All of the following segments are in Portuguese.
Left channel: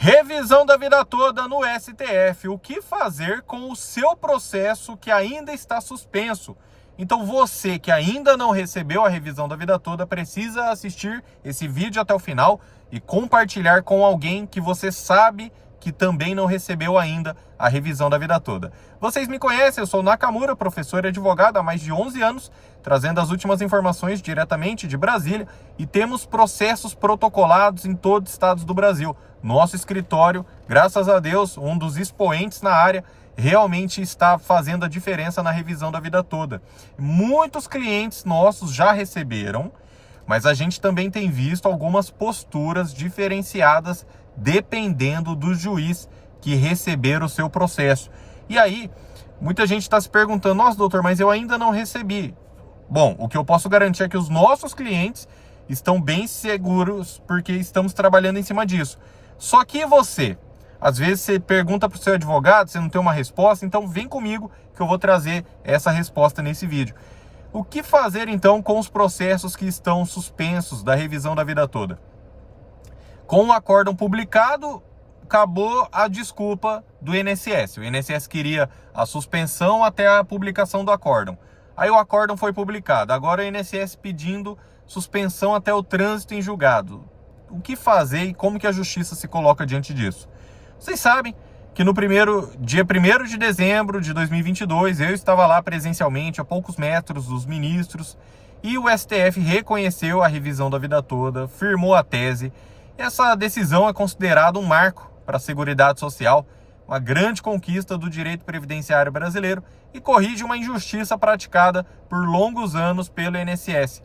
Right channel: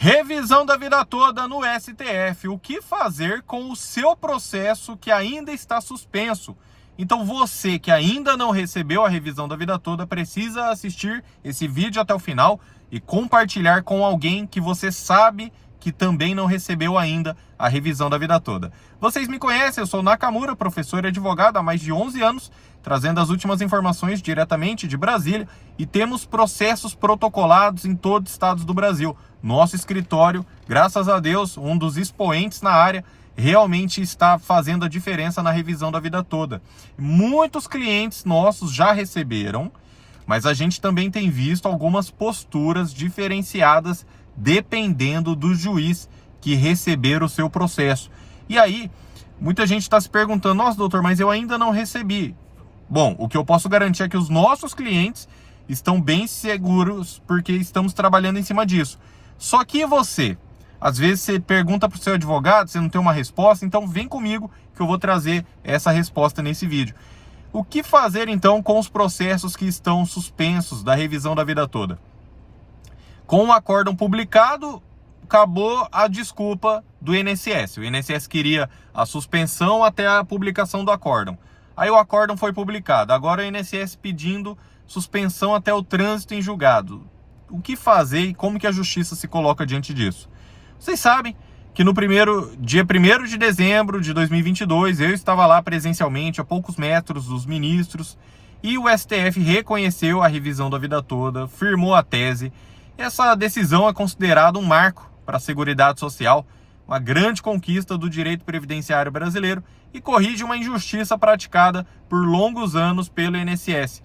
Revisão da vida toda no STF. O que fazer com o seu processo que ainda está suspenso? Então você que ainda não recebeu a revisão da vida toda precisa assistir esse vídeo até o final e compartilhar com alguém que você sabe que também não recebeu ainda a revisão da vida toda. Vocês me conhecem, eu sou Nakamura, professor e advogado há mais de 11 anos, trazendo as últimas informações diretamente de Brasília, e temos processos protocolados em todos os estados do Brasil. Nosso escritório, graças a Deus, um dos expoentes na área, realmente está fazendo a diferença na revisão da vida toda. Muitos clientes nossos já receberam, mas a gente também tem visto algumas posturas diferenciadas dependendo do juiz que receber o seu processo. E aí, muita gente está se perguntando, nossa, doutor, mas eu ainda não recebi. Bom, o que eu posso garantir é que os nossos clientes estão bem seguros porque estamos trabalhando em cima disso. Só que você, às vezes você pergunta para o seu advogado, você não tem uma resposta, então vem comigo que eu vou trazer essa resposta nesse vídeo. O que fazer então com os processos que estão suspensos da revisão da vida toda? Com o acórdão publicado, acabou a desculpa do INSS. O INSS queria a suspensão até a publicação do acórdão. Aí o acórdão foi publicado. Agora o INSS pedindo suspensão até o trânsito em julgado. O que fazer e como que a justiça se coloca diante disso? Vocês sabem que no dia 1º de dezembro de 2022, eu estava lá presencialmente, a poucos metros dos ministros, e o STF reconheceu a revisão da vida toda, firmou a tese. Essa decisão é considerada um marco para a Seguridade Social, uma grande conquista do direito previdenciário brasileiro e corrige uma injustiça praticada por longos anos pelo INSS.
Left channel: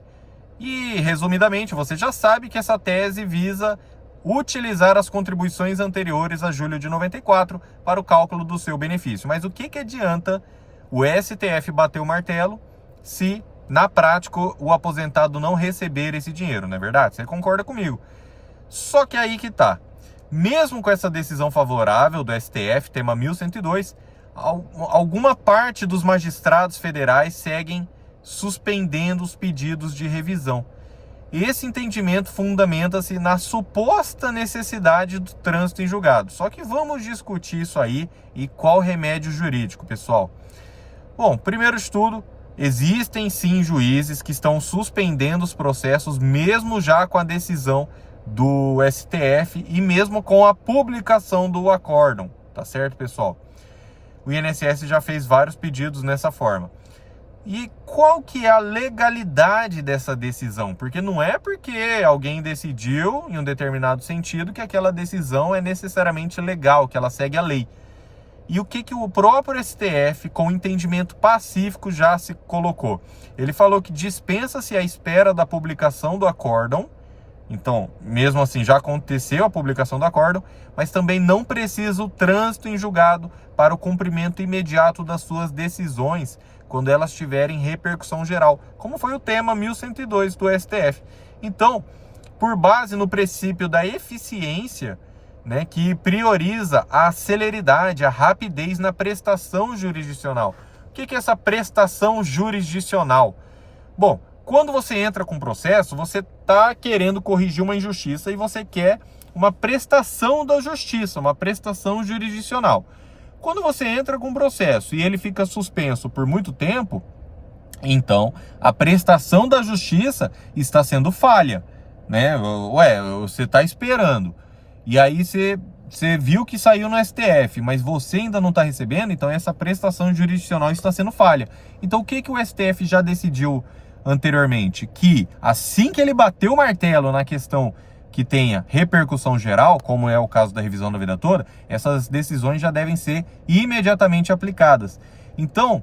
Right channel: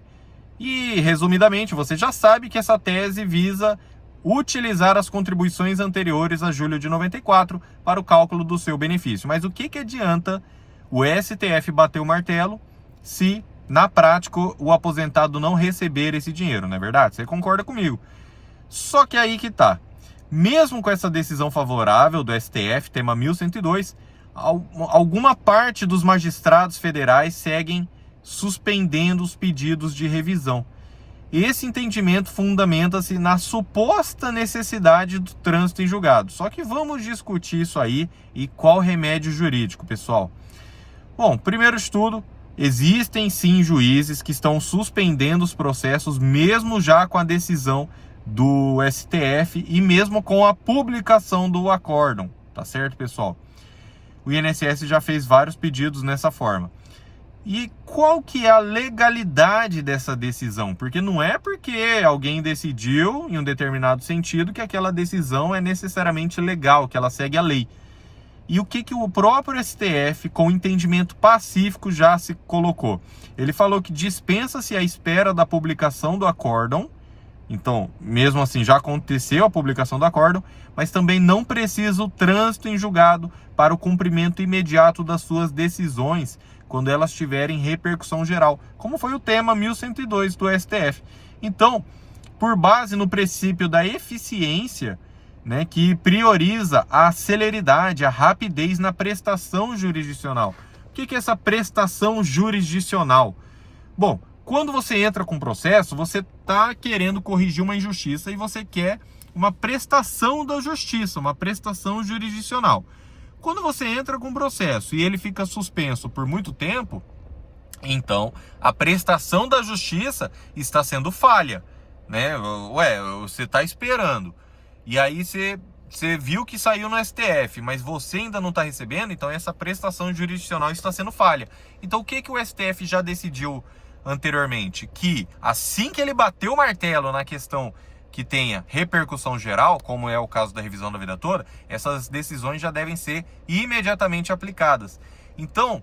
E, resumidamente, você já sabe que essa tese visa utilizar as contribuições anteriores a julho de 94 para o cálculo do seu benefício. Mas o que adianta o STF bater o martelo se, na prática, o aposentado não receber esse dinheiro, não é verdade? Você concorda comigo? Só que aí que tá. Mesmo com essa decisão favorável do STF, tema 1102, alguma parte dos magistrados federais seguem suspendendo os pedidos de revisão. Esse entendimento fundamenta-se na suposta necessidade do trânsito em julgado. Só que vamos discutir isso aí e qual remédio jurídico, pessoal. Bom, primeiro de tudo, existem sim juízes que estão suspendendo os processos mesmo já com a decisão do STF e mesmo com a publicação do acórdão, tá certo, pessoal? O INSS já fez vários pedidos nessa forma. E qual que é a legalidade dessa decisão? Porque não é porque alguém decidiu em um determinado sentido que aquela decisão é necessariamente legal, que ela segue a lei. E o que o próprio STF, com entendimento pacífico, já se colocou? Ele falou que dispensa-se a espera da publicação do acórdão. Então, mesmo assim, já aconteceu a publicação do acórdão, mas também não precisa o trânsito em julgado para o cumprimento imediato das suas decisões, quando elas tiverem repercussão geral, como foi o tema 1102 do STF. Então, por base no princípio da eficiência, né, que prioriza a celeridade, a rapidez na prestação jurisdicional. O que é essa prestação jurisdicional? Bom, quando você entra com processo, você está querendo corrigir uma injustiça e você quer uma prestação da justiça, uma prestação jurisdicional. Quando você entra com processo e ele fica suspenso por muito tempo, então a prestação da justiça está sendo falha, né? Ué, você está esperando. E aí você viu que saiu no STF, mas você ainda não está recebendo, então essa prestação jurisdicional está sendo falha. Então o que o STF já decidiu anteriormente? Que assim que ele bateu o martelo na questão que tenha repercussão geral, como é o caso da revisão da vida toda, essas decisões já devem ser imediatamente aplicadas. Então,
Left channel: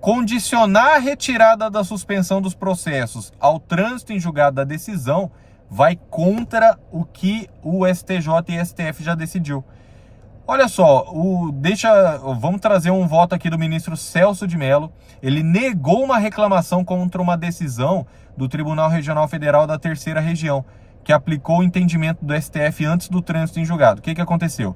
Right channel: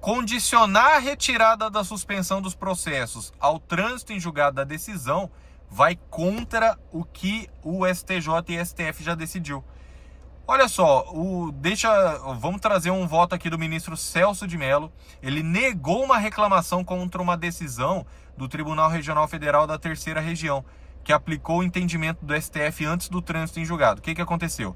condicionar a retirada da suspensão dos processos ao trânsito em julgado da decisão vai contra o que o STJ e STF já decidiu. Olha só, vamos trazer um voto aqui do ministro Celso de Mello. Ele negou uma reclamação contra uma decisão do Tribunal Regional Federal da Terceira Região, que aplicou o entendimento do STF antes do trânsito em julgado. O que aconteceu?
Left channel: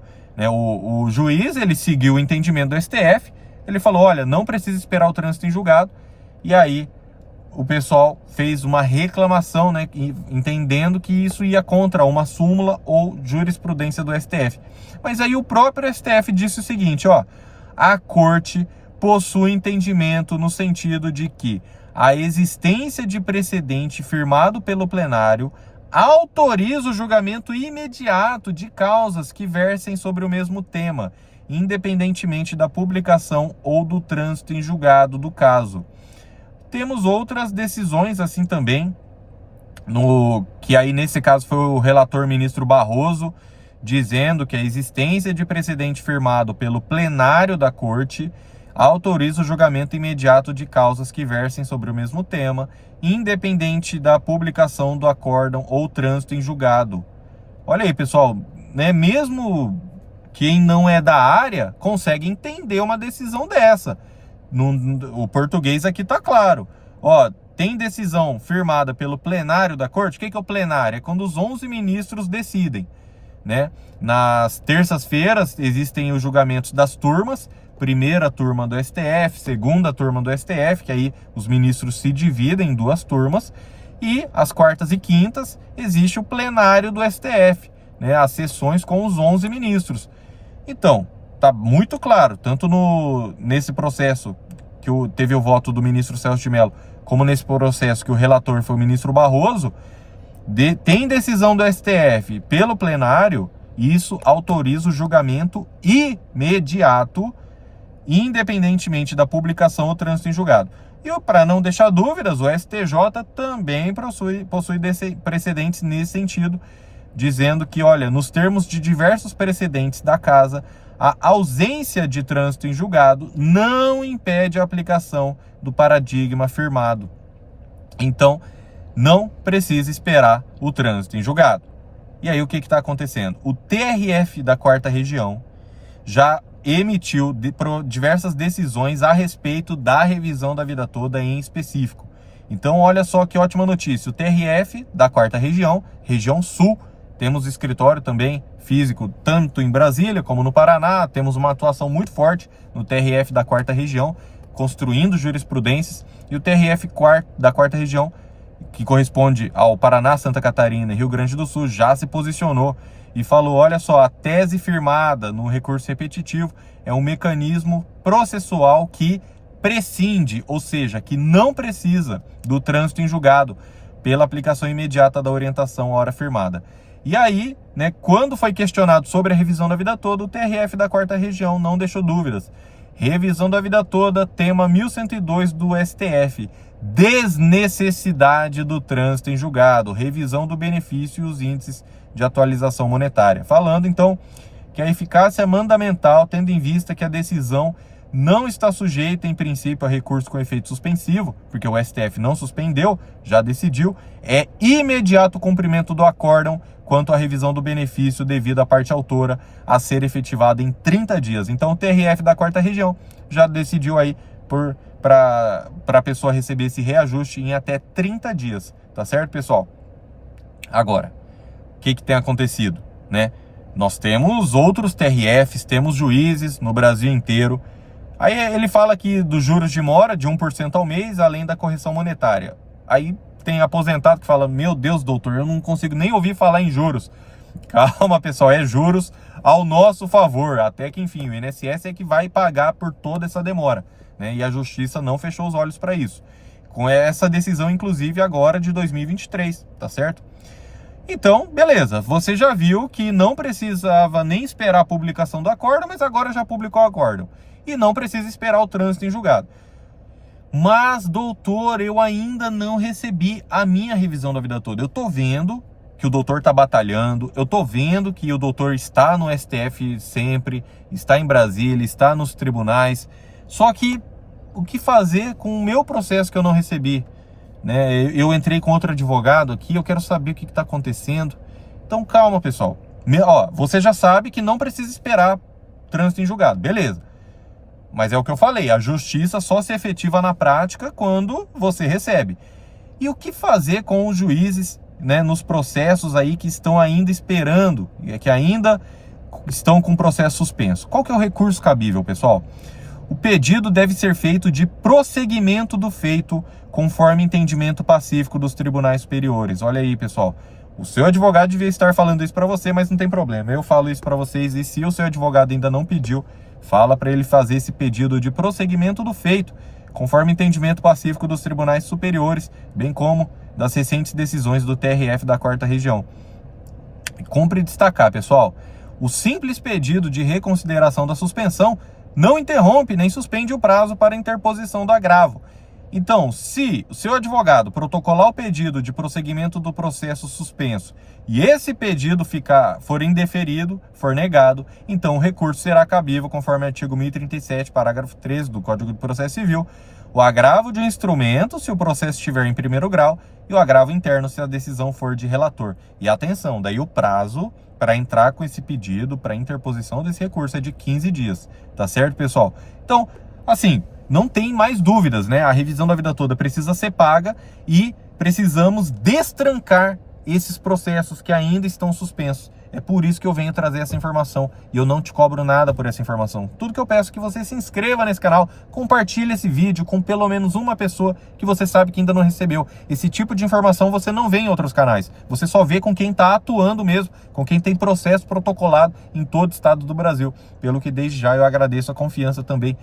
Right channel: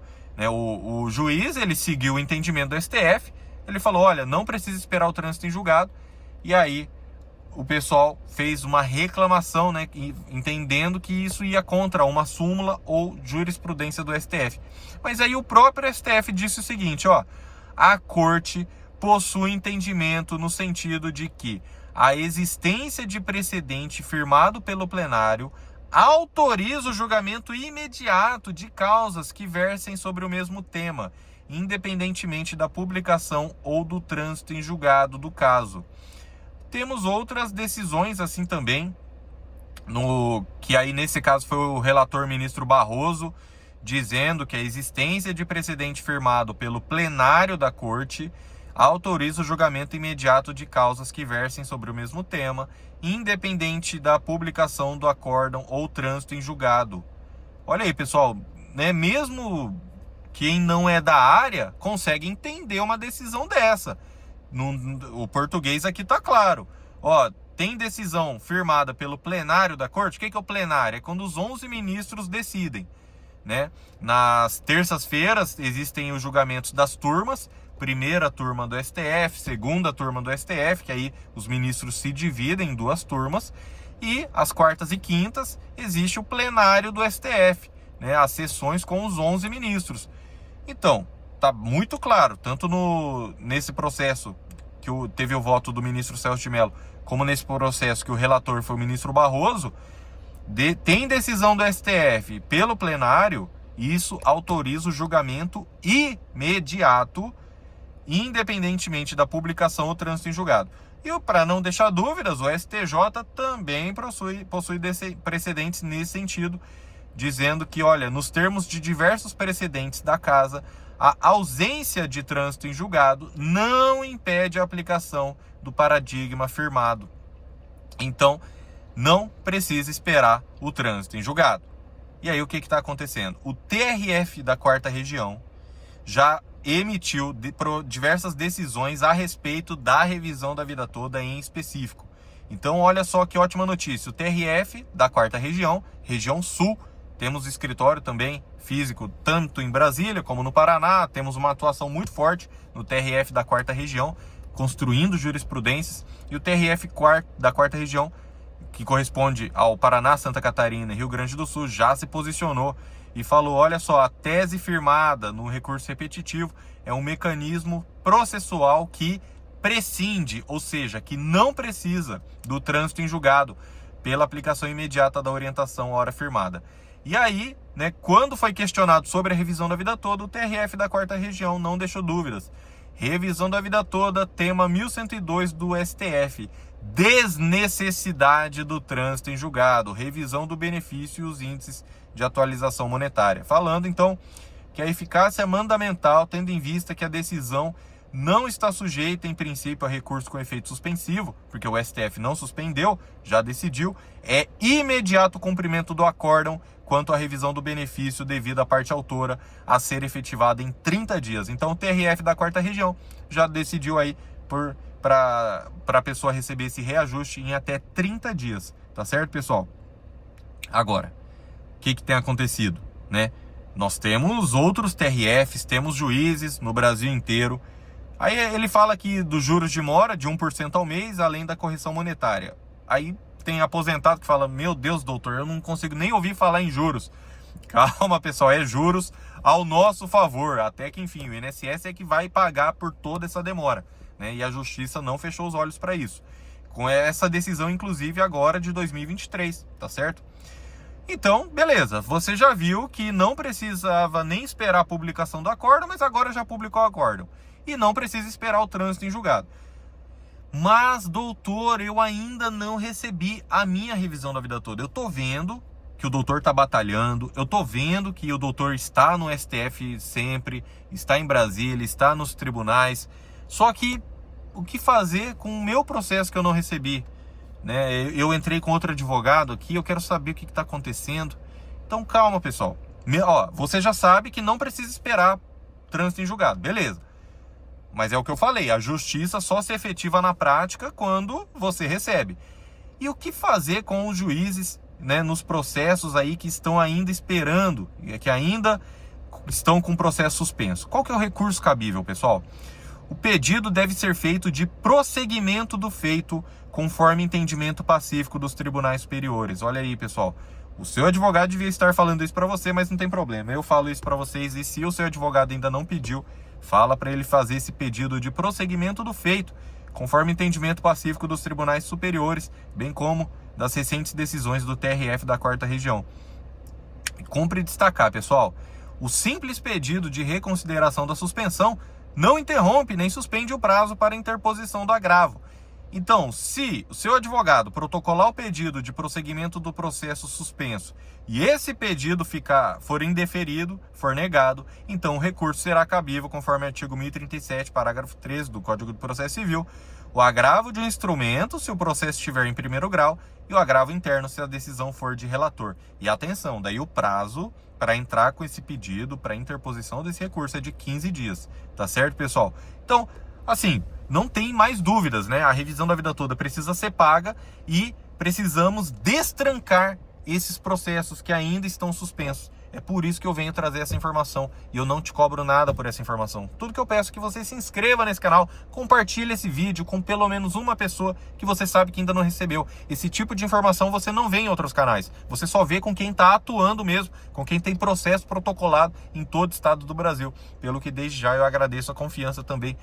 O juiz, ele seguiu o entendimento do STF, ele falou, olha, não precisa esperar o trânsito em julgado, e aí o pessoal fez uma reclamação, né, entendendo que isso ia contra uma súmula ou jurisprudência do STF. Mas aí o próprio STF disse o seguinte, ó, a corte possui entendimento no sentido de que a existência de precedente firmado pelo plenário autoriza o julgamento imediato de causas que versem sobre o mesmo tema, independentemente da publicação ou do trânsito em julgado do caso. Temos outras decisões assim também, que aí nesse caso foi o relator ministro Barroso, dizendo que a existência de precedente firmado pelo plenário da corte autoriza o julgamento imediato de causas que versem sobre o mesmo tema, independente da publicação do acórdão ou trânsito em julgado. Olha aí, pessoal, né? Mesmo quem não é da área consegue entender uma decisão dessa. O português aqui tá claro. Ó, tem decisão firmada pelo plenário da corte. O que é o plenário? É quando os 11 ministros decidem, né? Nas terças-feiras existem os julgamentos das turmas, primeira turma do STF, segunda turma do STF, que aí os ministros se dividem em duas turmas, e às quartas e quintas existe o plenário do STF, né? As sessões com os 11 ministros. Então, tá muito claro, tanto nesse processo que teve o voto do ministro Celso de Mello, como nesse processo que o relator foi o ministro Barroso, tem decisão do STF pelo plenário, isso autoriza o julgamento imediato, independentemente da publicação ou trânsito em julgado. E para não deixar dúvidas, o STJ também possui precedentes nesse sentido, dizendo que, olha, nos termos de diversos precedentes da casa, a ausência de trânsito em julgado não impede a aplicação do paradigma firmado. Então, não precisa esperar o trânsito em julgado. E aí o que está acontecendo? O TRF da 4ª Região já emitiu diversas decisões a respeito da revisão da vida toda em específico. Então, olha só que ótima notícia. O TRF da 4ª Região, Região Sul, temos escritório também físico tanto em Brasília como no Paraná. Temos uma atuação muito forte no TRF da 4ª Região, construindo jurisprudências. E o TRF da 4ª Região, que corresponde ao Paraná, Santa Catarina e Rio Grande do Sul, já se posicionou e falou, olha só, a tese firmada no recurso repetitivo é um mecanismo processual que prescinde, ou seja, que não precisa do trânsito em julgado pela aplicação imediata da orientação à hora firmada. E aí, né, quando foi questionado sobre a revisão da vida toda, o TRF da 4ª Região não deixou dúvidas. Revisão da vida toda, tema 1102 do STF. Desnecessidade do trânsito em julgado. Revisão do benefício e os índices de atualização monetária. Falando, então, que a eficácia mandamental, tendo em vista que a decisão não está sujeita, em princípio, a recurso com efeito suspensivo, porque o STF não suspendeu, já decidiu, é imediato cumprimento do acórdão quanto à revisão do benefício devido à parte autora a ser efetivada em 30 dias. Então, o TRF da 4ª Região já decidiu aí para a pessoa receber esse reajuste em até 30 dias, tá certo, pessoal? Agora, o que tem acontecido, né? Nós temos outros TRFs, temos juízes no Brasil inteiro. Aí ele fala aqui dos juros de mora de 1% ao mês, além da correção monetária. Aí tem aposentado que fala, meu Deus, doutor, eu não consigo nem ouvir falar em juros. Calma, pessoal, é juros ao nosso favor, até que, enfim, o INSS é que vai pagar por toda essa demora, né? E a Justiça não fechou os olhos para isso. Com essa decisão, inclusive, agora de 2023, tá certo? Então, beleza, você já viu que não precisava nem esperar a publicação do acórdão, mas agora já publicou o acórdão. E não precisa esperar o trânsito em julgado. Mas, doutor, eu ainda não recebi a minha revisão da vida toda. Eu tô vendo que o doutor tá batalhando, eu tô vendo que o doutor está no STF sempre, está em Brasília, está nos tribunais. Só que, o que fazer com o meu processo que eu não recebi? Né? Eu entrei com outro advogado aqui, eu quero saber o que está acontecendo. Então, calma, pessoal. Você já sabe que não precisa esperar trânsito em julgado, beleza. Mas é o que eu falei, a justiça só se efetiva na prática quando você recebe. E o que fazer com os juízes, né, nos processos aí que estão ainda esperando, que ainda estão com processo suspenso? Qual que é o recurso cabível, pessoal? O pedido deve ser feito de prosseguimento do feito, conforme entendimento pacífico dos tribunais superiores. Olha aí, pessoal. O seu advogado devia estar falando isso para você, mas não tem problema. Eu falo isso para vocês, e se o seu advogado ainda não pediu, fala para ele fazer esse pedido de prosseguimento do feito, conforme entendimento pacífico dos tribunais superiores, bem como das recentes decisões do TRF da 4ª Região. Cumpre destacar, pessoal, o simples pedido de reconsideração da suspensão não interrompe nem suspende o prazo para interposição do agravo. Então, se o seu advogado protocolar o pedido de prosseguimento do processo suspenso e esse pedido for indeferido, for negado, então o recurso será cabível conforme o artigo 1037, parágrafo 13 do Código de Processo Civil, o agravo de um instrumento se o processo estiver em primeiro grau e o agravo interno se a decisão for de relator. E atenção, daí o prazo para entrar com esse pedido, para interposição desse recurso é de 15 dias, tá certo, pessoal? Então, assim, não tem mais dúvidas, né? A revisão da vida toda precisa ser paga e precisamos destrancar esses processos que ainda estão suspensos. É por isso que eu venho trazer essa informação e eu não te cobro nada por essa informação. Tudo que eu peço é que você se inscreva nesse canal, compartilhe esse vídeo com pelo menos uma pessoa que você sabe que ainda não recebeu. Esse tipo de informação você não vê em outros canais. Você só vê com quem está atuando mesmo, com quem tem processo protocolado em todo o estado do Brasil. Pelo que desde já eu agradeço a confiança também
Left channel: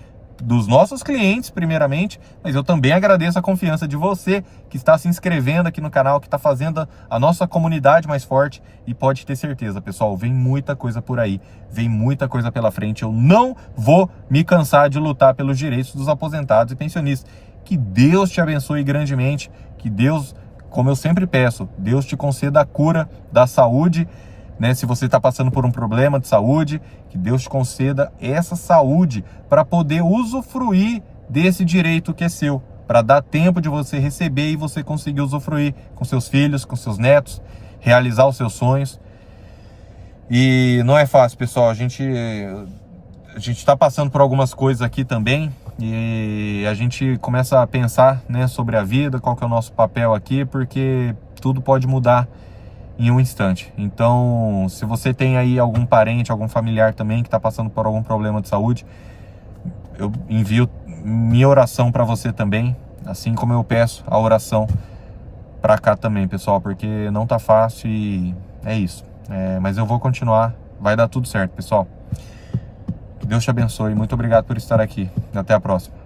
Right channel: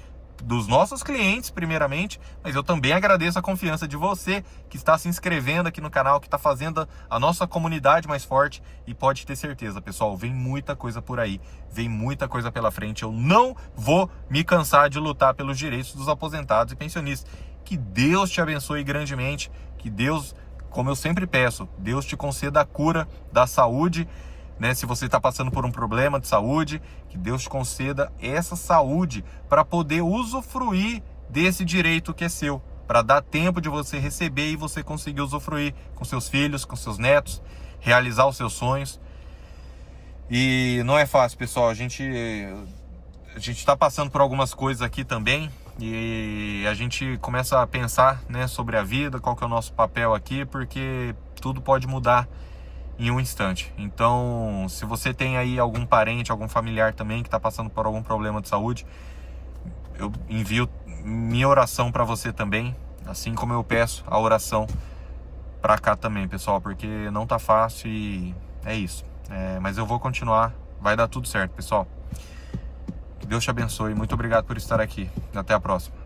dos nossos clientes, primeiramente, mas eu também agradeço a confiança de você que está se inscrevendo aqui no canal, que está fazendo a nossa comunidade mais forte, e pode ter certeza, pessoal, vem muita coisa por aí, vem muita coisa pela frente. Eu não vou me cansar de lutar pelos direitos dos aposentados e pensionistas. Que Deus te abençoe grandemente, que Deus, como eu sempre peço, Deus te conceda a cura da saúde, né? Se você está passando por um problema de saúde, que Deus te conceda essa saúde para poder usufruir desse direito que é seu, para dar tempo de você receber e você conseguir usufruir com seus filhos, com seus netos, realizar os seus sonhos. E não é fácil, pessoal. A gente está passando por algumas coisas aqui também e a gente começa a pensar, né, sobre a vida, qual que é o nosso papel aqui, porque tudo pode mudar em um instante. Então, se você tem aí algum parente, algum familiar também que está passando por algum problema de saúde, eu envio minha oração para você também, assim como eu peço a oração para cá também, pessoal, porque não tá fácil e é isso. Mas eu vou continuar, vai dar tudo certo, pessoal. Que Deus te abençoe, muito obrigado por estar aqui. Até a próxima.